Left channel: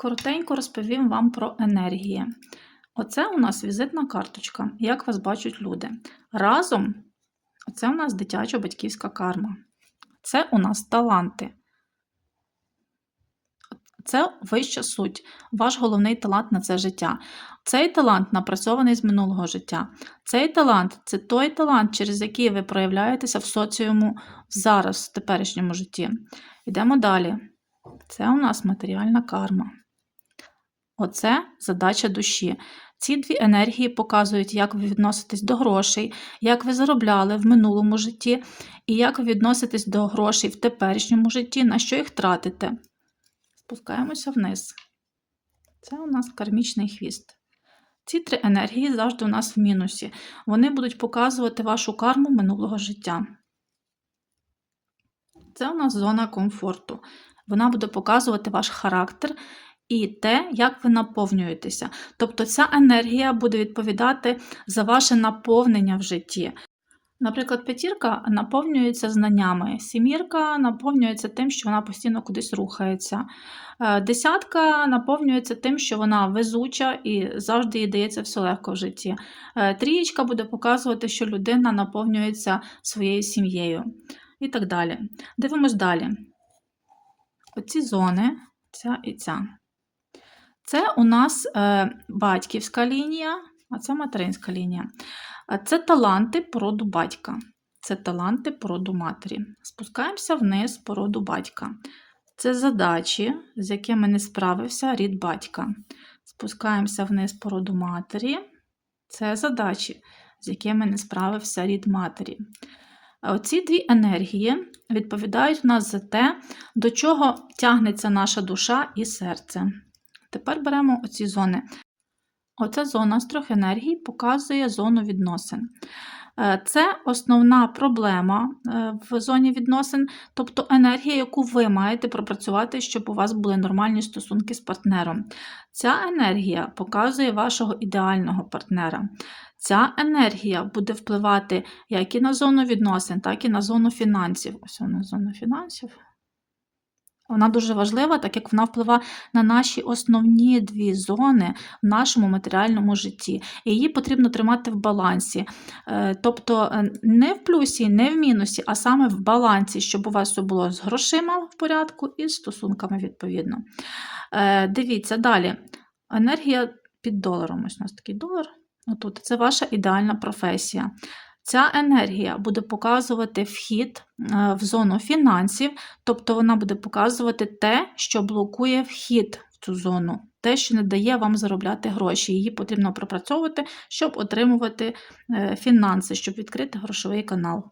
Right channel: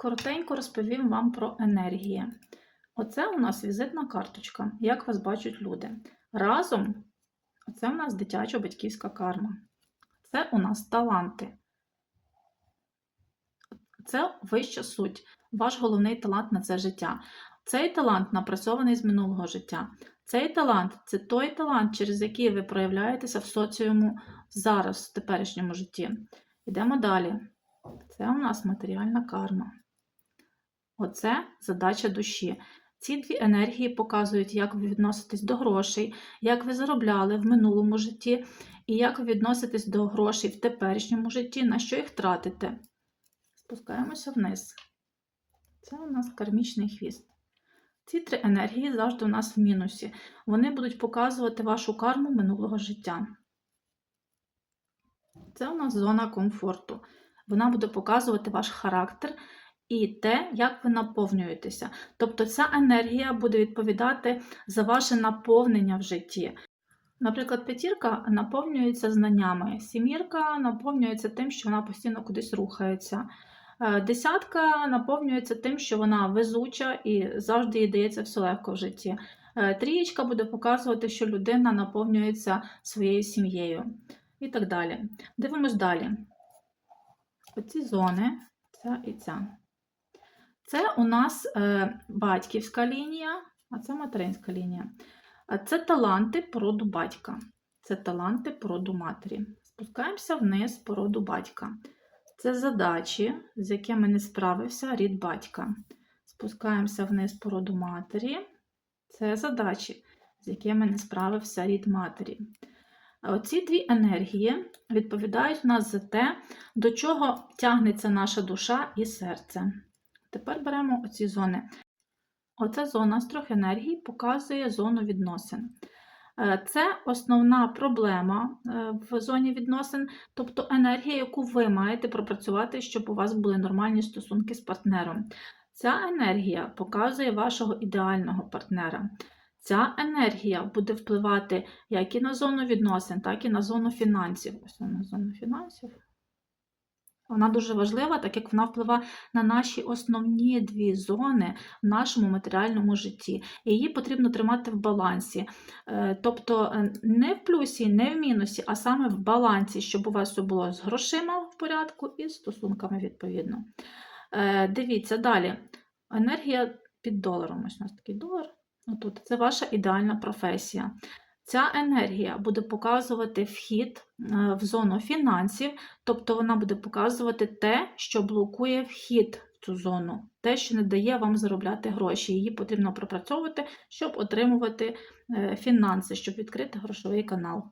Коротенько розповім вам про енергії. Оце у нас візитна карточка, як вас бачать люди. Разом це у нас дитяча батьківська карма. Це у нас таланти. Це вища суть, ваш головний талант на це життя. Цей талант напрацьований з минулого життя. Цей талант це той талант, через який ви проявляєтеся в соціуму зараз, в теперішньому житті. Йдемо далі. Це у нас матеріальна карма. Оце задача душі. Ці дві енергії показують, як ви відноситесь до грошей, як ви заробляли в минулому житті, і як ви відноситесь до грошей в теперішньому житті, на що їх тратите. Спускаємося вниз. Це у нас кармічний хвіст. Ці три енергії завжди у нас в мінусі. Вони будуть показувати вашу карму минулого життя. Це у нас зона комфорту. Вона буде показувати ваш характер і те, як ви наповнюєтеся. Тобто ця енергія буде відповідати за ваше наповнення в житті. Наприклад, п'ятірка наповнюється знаннями, сімірка наповнюється тим, що вона постійно кудись рухається. Е, Десятка наповнюється тим, що вона везуча і завжди їй дається все легко в житті. Е, Трієчка буде показувати, що людина наповнюється своєю сім'єю і так далі. Дивимось далі. Оці зони, ця і ця. Це у нас е, батьківська лінія, а це материнська лінія. Це таланти породу батька. Це таланти породу матері. Спускаємося вниз породу батька. Це задачі, з якими не справився рід батька. Спускаємося вниз породу матері. Це задачі, з якими не справився рід матері. Оці дві енергії відповідають у нас за те, до чого тягнеться наша душа і серце. Тепер беремо оці зони. Оця зона з трьох енергій показує зону відносин. Е, Це основна проблема е, в зоні відносин, тобто енергія, яку ви маєте пропрацювати, щоб у вас були нормальні стосунки з партнером. Ця енергія показує вашого ідеального партнера. Ця енергія буде впливати як і на зону відносин, так і на зону фінансів. Ось вона зона фінансів. Вона дуже важлива, так як вона впливає на наші основні дві зони в нашому матеріальному житті. І її потрібно тримати в балансі. Е, Тобто е, не в плюсі, не в мінусі, а саме в балансі, щоб у вас все було з грошима в порядку і з стосунками відповідно. Е, Дивіться далі. Енергія під доларом. Ось у нас такий долар. Отут. Це ваша ідеальна професія. Ця енергія буде показувати вхід е, в зону фінансів, тобто вона буде показувати те, що блокує вхід в цю зону, те, що не дає вам заробляти гроші. Її потрібно пропрацьовувати, щоб отримувати е, фінанси, щоб відкрити грошовий канал.